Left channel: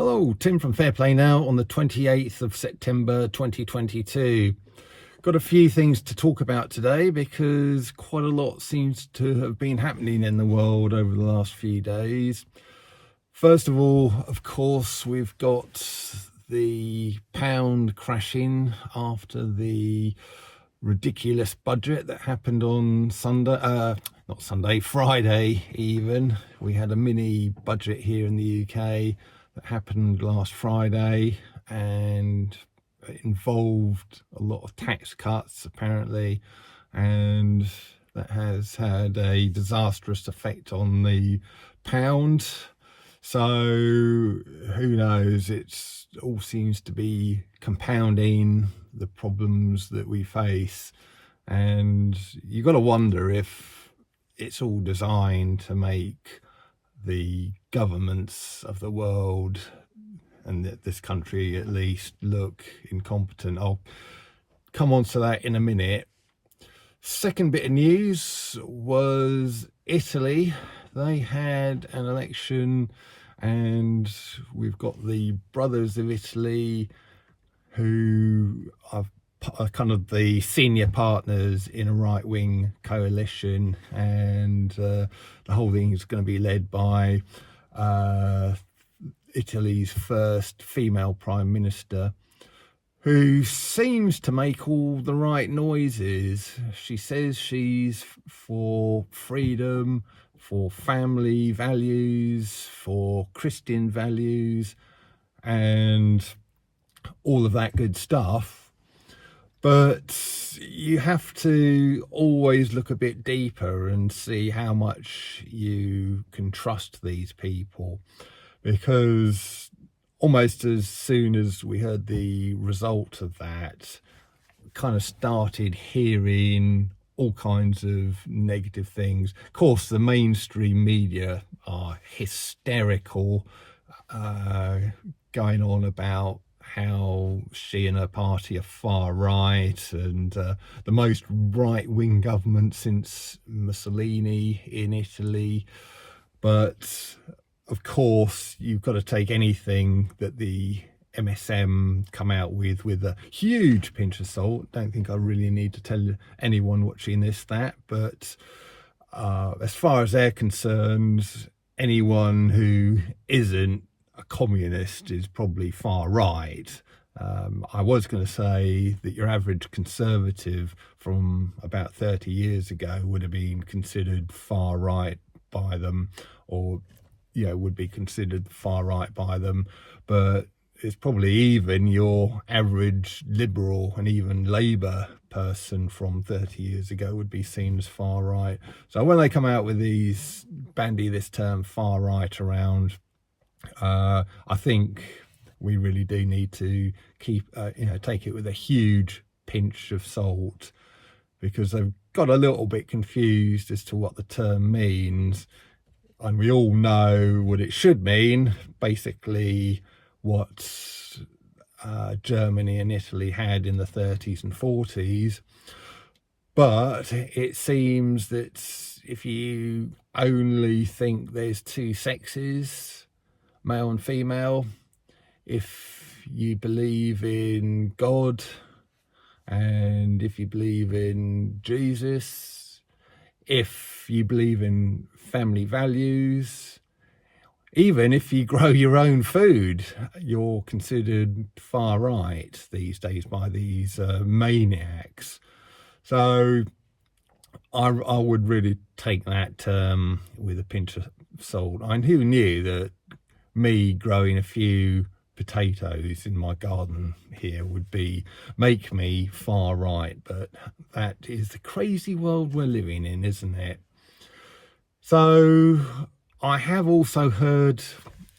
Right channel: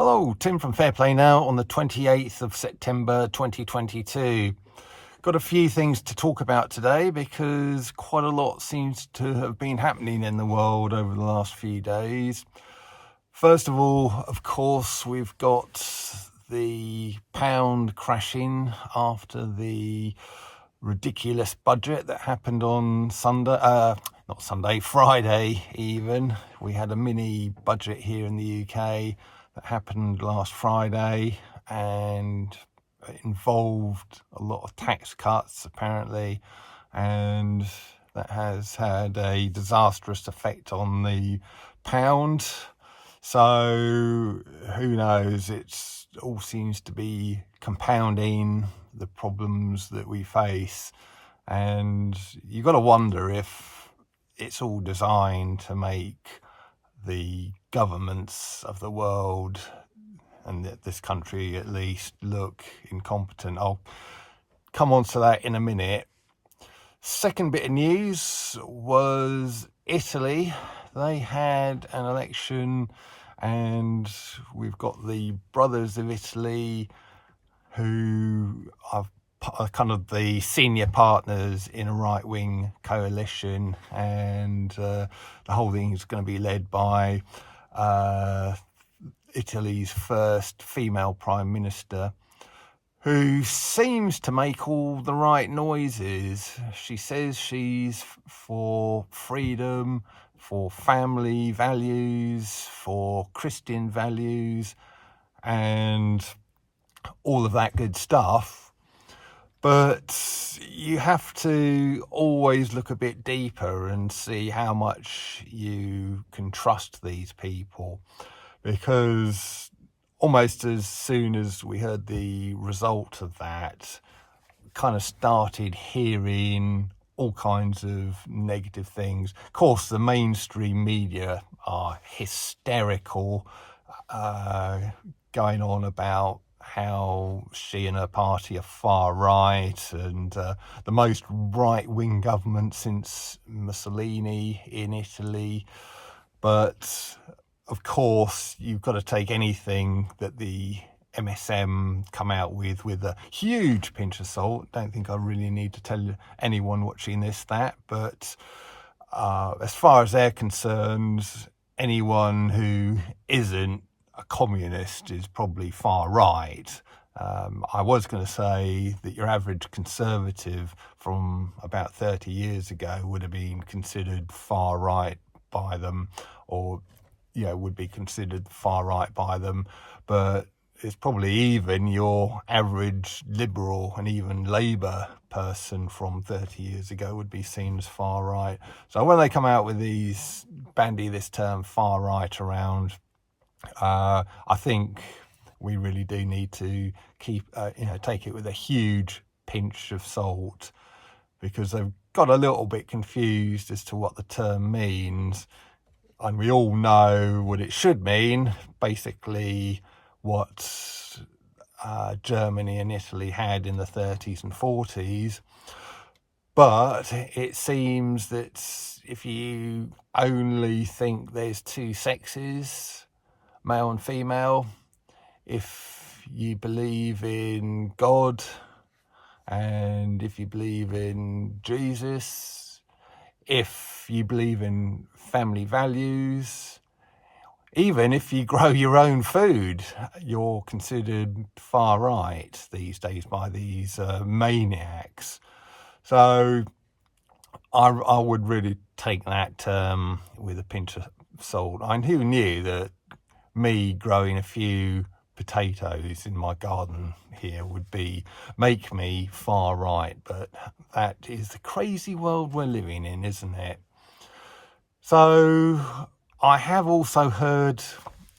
Hello, Tim from Fair Play Now on the 28th of September 2022. Got a few things to talk about today because quite a lot seems to have been happening in the world over the last few days. First of all, of course, we've got the pound crashing after the ridiculous budget that happened on Friday even. We had a mini budget here in the UK that happened last Friday, and it involved a lot of tax cuts apparently, and that has had a disastrous effect on the pound. So who knows, it all seems to be compounding the problems that we face, and you've got to wonder if it's all designed to make the governments of the world, and this country at least, look incompetent. I'll come on to that in a minute. Second bit of news was Italy. They had an election, and we've got the Brothers of Italy, who are kind of the senior partners in a right-wing coalition, and the whole thing is going to be led by Italy's first female prime minister, who seems to make all the right noises. She says she's for freedom, for family values, for Christian values, and all of that good stuff. But you have to always look a bit deeper and see how much you can trust these people, because almost as soon as we heard the result of that, kind of started hearing all kinds of negative things. Of course, the mainstream media are hysterical, going on about how she and her party are far right, and the most right-wing government since Mussolini in Italy. But of course, you've got to take anything that the MSM come out with a huge pinch of salt. Don't think I really need to tell anyone watching this that, but as far as they're concerned, anyone who isn't a communist is probably far right. I was going to say that your average conservative from about 30 years ago would have been considered far right by them, or would be considered far right by them, but it's probably even your average Liberal and even Labour person from 30 years ago would be seen as far right. So when they come out with bandy this term far right around, I think we really do need to take it with a huge pinch of salt, because they've got a little bit confused as to what the term means. And we all know what it should mean, basically what Germany and Italy had in the 30s and 40s. But it seems that if you only think there's two sexes, male and female, if you believe in God, and if you believe in Jesus, if you believe in family values, even if you grow your own food, you're considered far right these days by these maniacs. So I would really take that term with a pinch of salt. And who knew that me growing a few potatoes in my garden here would make me far right? But that is the crazy world we're living in, isn't it? So I have also heard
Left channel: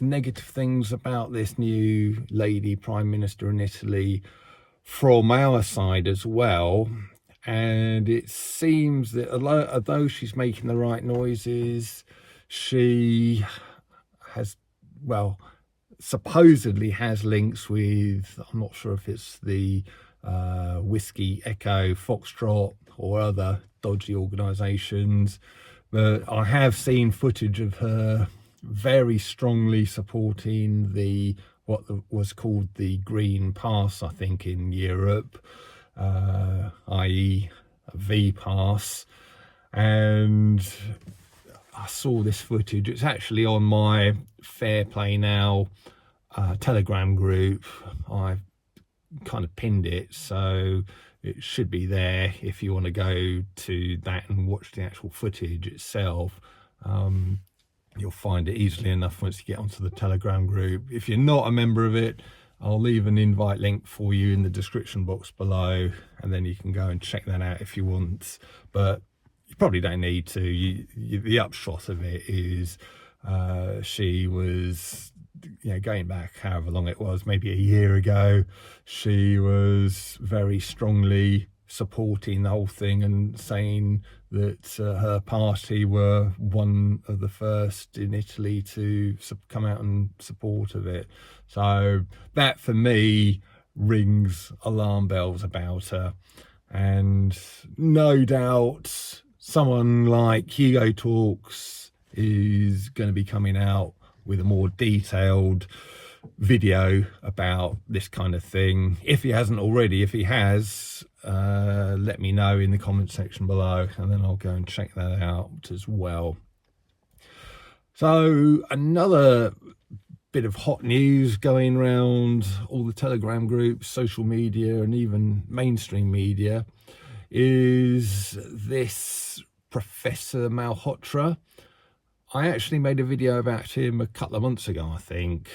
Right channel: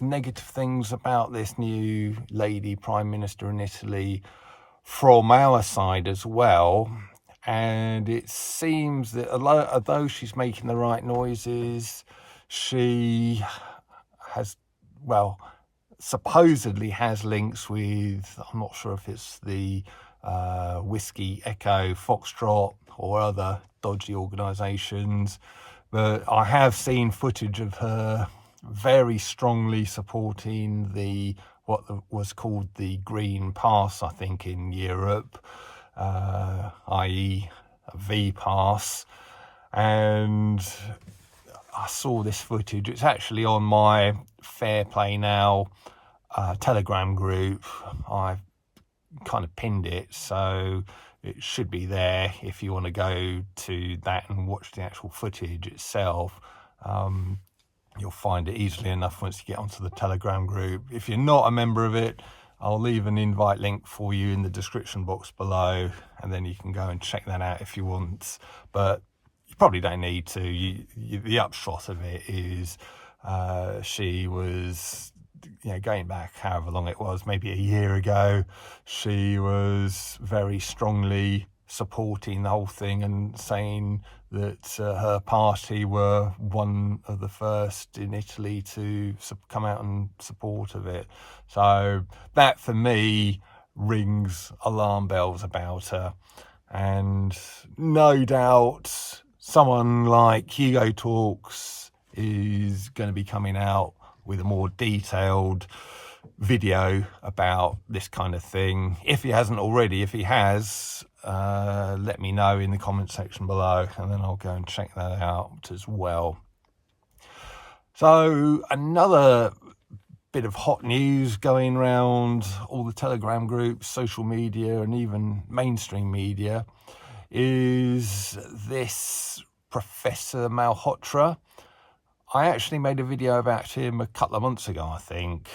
negative things about this new lady prime minister in Italy from our side as well. And it seems that although she's making the right noises, she has, supposedly has links with, I'm not sure if it's the Whiskey Echo Foxtrot or other dodgy organisations, but I have seen footage of her very strongly supporting was called the Green Pass, I think, in Europe, i.e. a V Pass. And I saw this footage. It's actually on my Fair Play Now Telegram group. I kind of pinned it, so it should be there if you want to go to that and watch the actual footage itself. You'll find it easily enough once you get onto the Telegram group. If you're not a member of it, I'll leave an invite link for you in the description box below, and then you can go and check that out if you want. But you probably don't need to. The upshot of it is she was, going back however long it was, maybe a year ago, she was very strongly supporting the whole thing and saying that her party were one of the first in Italy to come out in support of it. So that, for me, rings alarm bells about her. And no doubt someone like Hugo Talks is going to be coming out with a more detailed video about this kind of thing. If he hasn't already, if he has, let me know in the comment section below, and then I'll go and check that out as well. So another bit of hot news going around all the Telegram groups, social media, and even mainstream media is this Professor Malhotra. I actually made a video about him a couple of months ago, I think,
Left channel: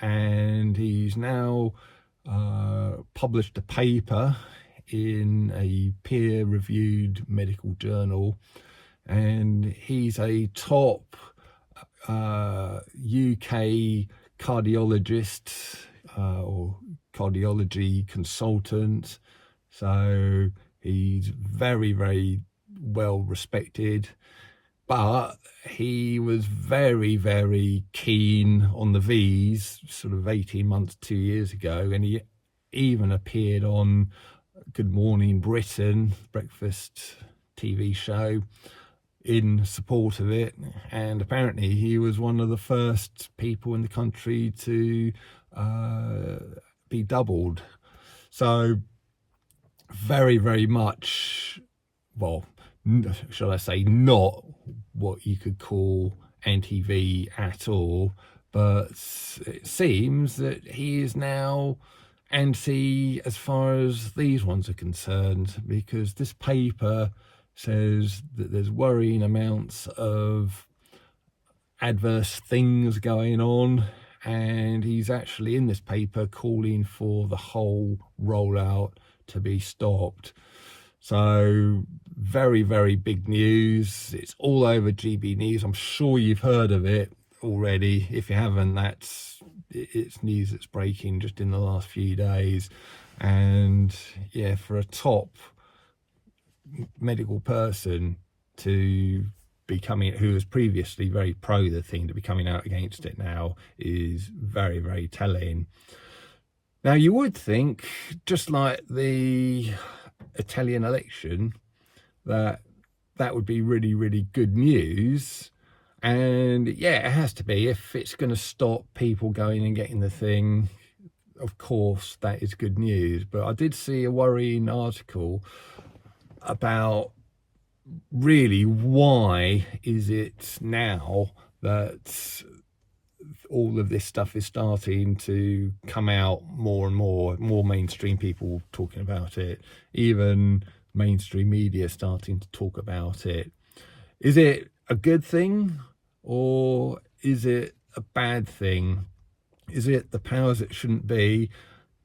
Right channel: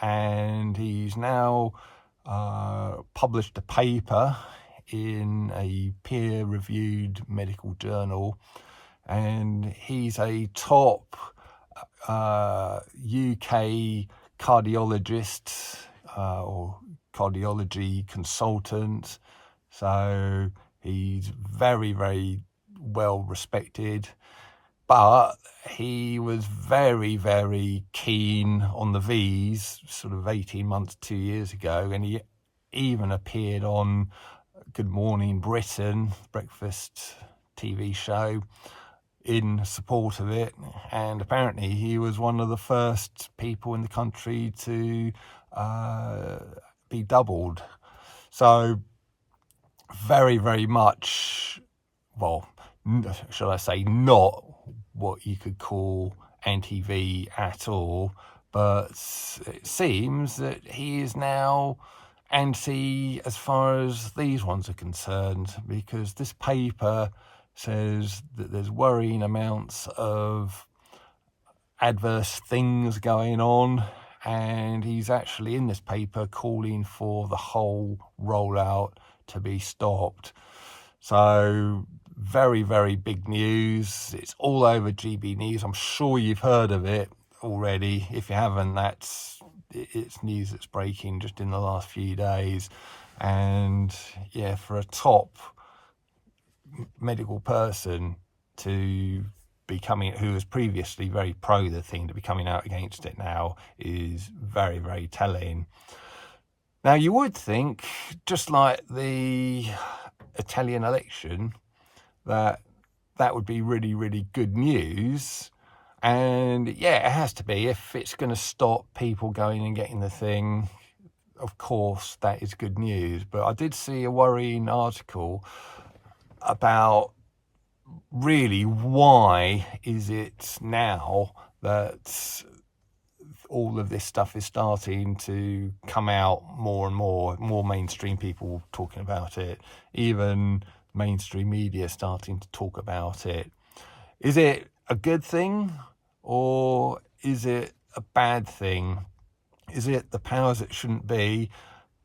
and he's now published a paper in a peer-reviewed medical journal, and he's a top UK cardiologist or cardiology consultant. So he's very, very well respected. But he was very, very keen on the V's sort of 18 months, 2 years ago. And he even appeared on Good Morning Britain, breakfast TV show, in support of it. And apparently he was one of the first people in the country to be doubled. So very, very much, well, shall I say, not what you could call anti-V at all, but it seems that he is now anti as far as these ones are concerned, because this paper says that there's worrying amounts of adverse things going on, and he's actually in this paper calling for the whole rollout to be stopped. So very, very big news. It's all over GB News. I'm sure you've heard of it already. If you haven't, it's news that's breaking just in the last few days. And yeah, for a top medical person to be who was previously very pro the thing, to be coming out against it now is very, very telling. Now, you would think, just like the Italian election, that would be really, really good news. And yeah, it has to be. If it's going to stop people going and getting the thing, of course, that is good news. But I did see a worrying article about really why is it now that all of this stuff is starting to come out more and more mainstream people talking about it, even mainstream media starting to talk about it. Is it a good thing, or is it a bad thing? Is it the powers that shouldn't be?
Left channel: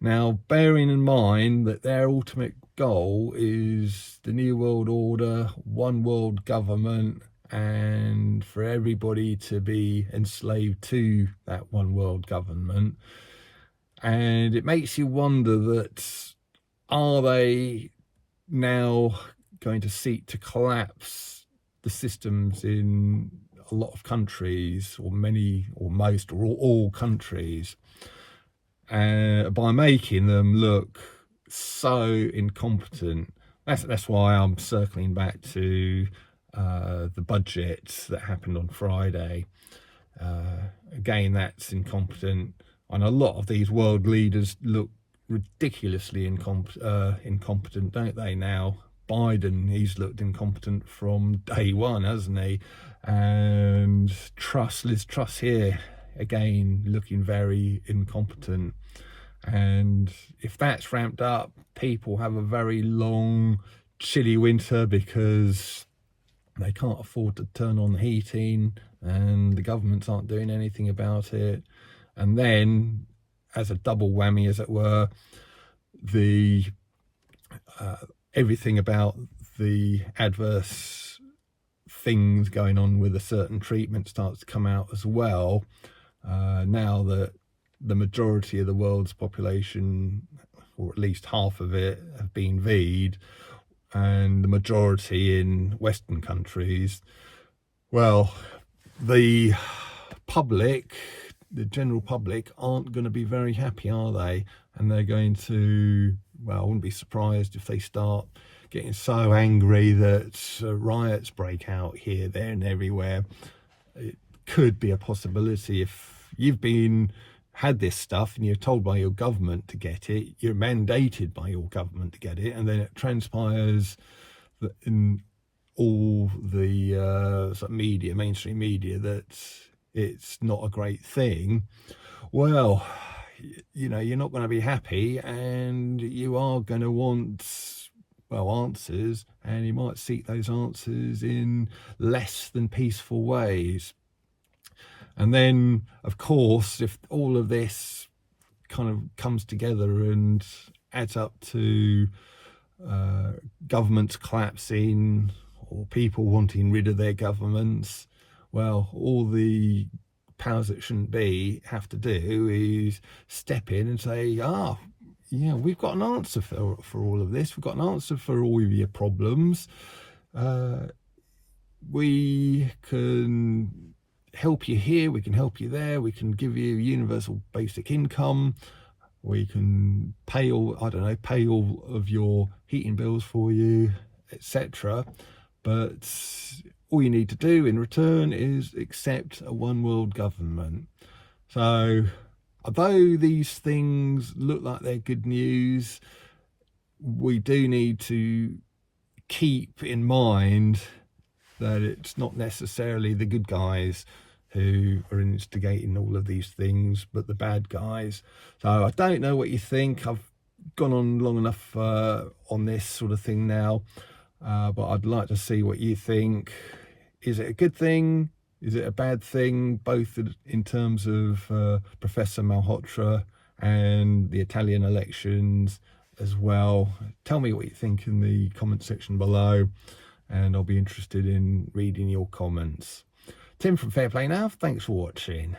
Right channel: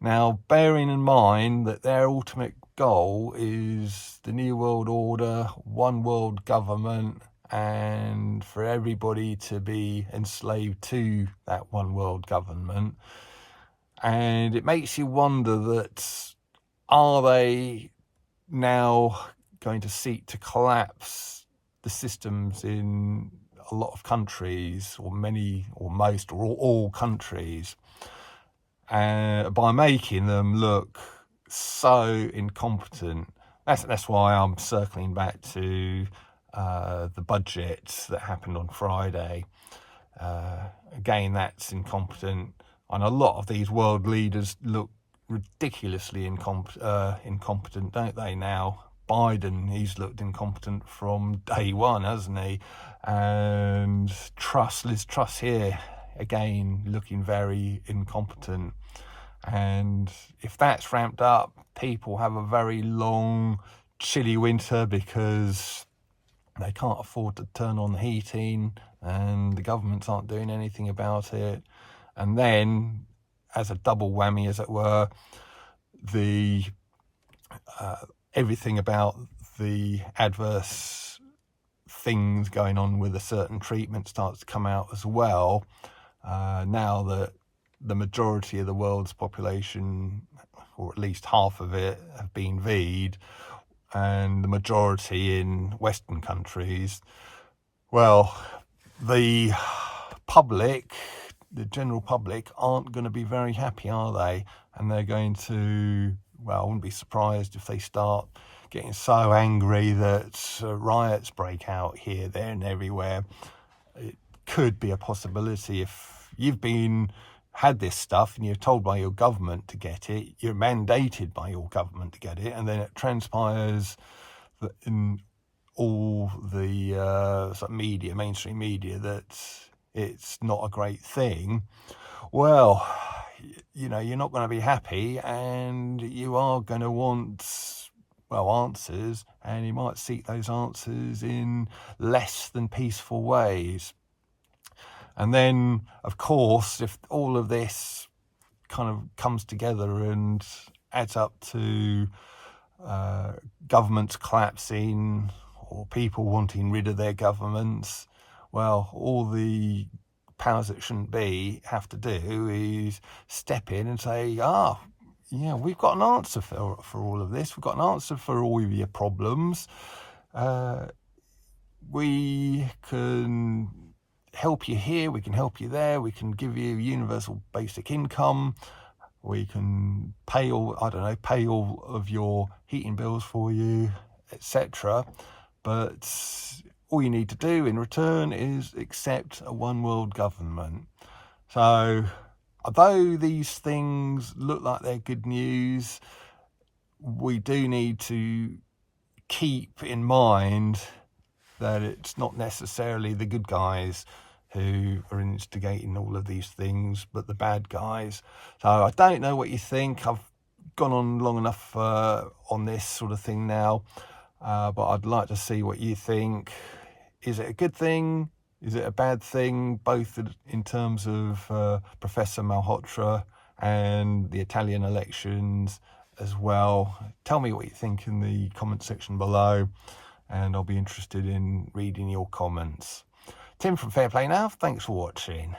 Now, bearing in mind that their ultimate goal is the New World Order, one world government, and for everybody to be enslaved to that one world government. And it makes you wonder that, are they now going to seek to collapse the systems in a lot of countries, or many, or most, or all countries, by making them look so incompetent? That's why I'm circling back to the budget that happened on Friday. again, that's incompetent. And a lot of these world leaders look ridiculously incompetent, don't they now? Biden, he's looked incompetent from day one, hasn't he? And Liz Truss here, again, looking very incompetent. And if that's ramped up, people have a very long, chilly winter because they can't afford to turn on the heating and the governments aren't doing anything about it. And then, as a double whammy, as it were, the everything about the adverse things going on with a certain treatment starts to come out as well. Now that the majority of the world's population, or at least half of it, have been V'd, and the majority in Western countries, well, the public, the general public, aren't going to be very happy, are they? And they're going to, well, I wouldn't be surprised if they start getting so angry that riots break out here, there and everywhere. It could be a possibility. If you've had this stuff and you're told by your government to get it, you're mandated by your government to get it, and then it transpires that in all the media, mainstream media, that it's not a great thing, well, you know, you're not going to be happy, and you are going to want, well, answers, and you might seek those answers in less than peaceful ways. And then, of course, if all of this kind of comes together and adds up to governments collapsing or people wanting rid of their governments, well, all the powers that shouldn't be have to do is step in and say, yeah, we've got an answer for all of this. We've got an answer for all of your problems. We can help you here, we can help you there, we can give you universal basic income, we can pay all of your heating bills for you, etc. But all you need to do in return is accept a one world government. So although these things look like they're good news, we do need to keep in mind that it's not necessarily the good guys who are instigating all of these things, but the bad guys. So I don't know what you think. I've gone on long enough on this sort of thing now, but I'd like to see what you think. Is it a good thing? Is it a bad thing? Both in terms of Professor Malhotra and the Italian elections as well. Tell me what you think in the comment section below, and I'll be interested in reading your comments. Tim from Fair Play Now, thanks for watching.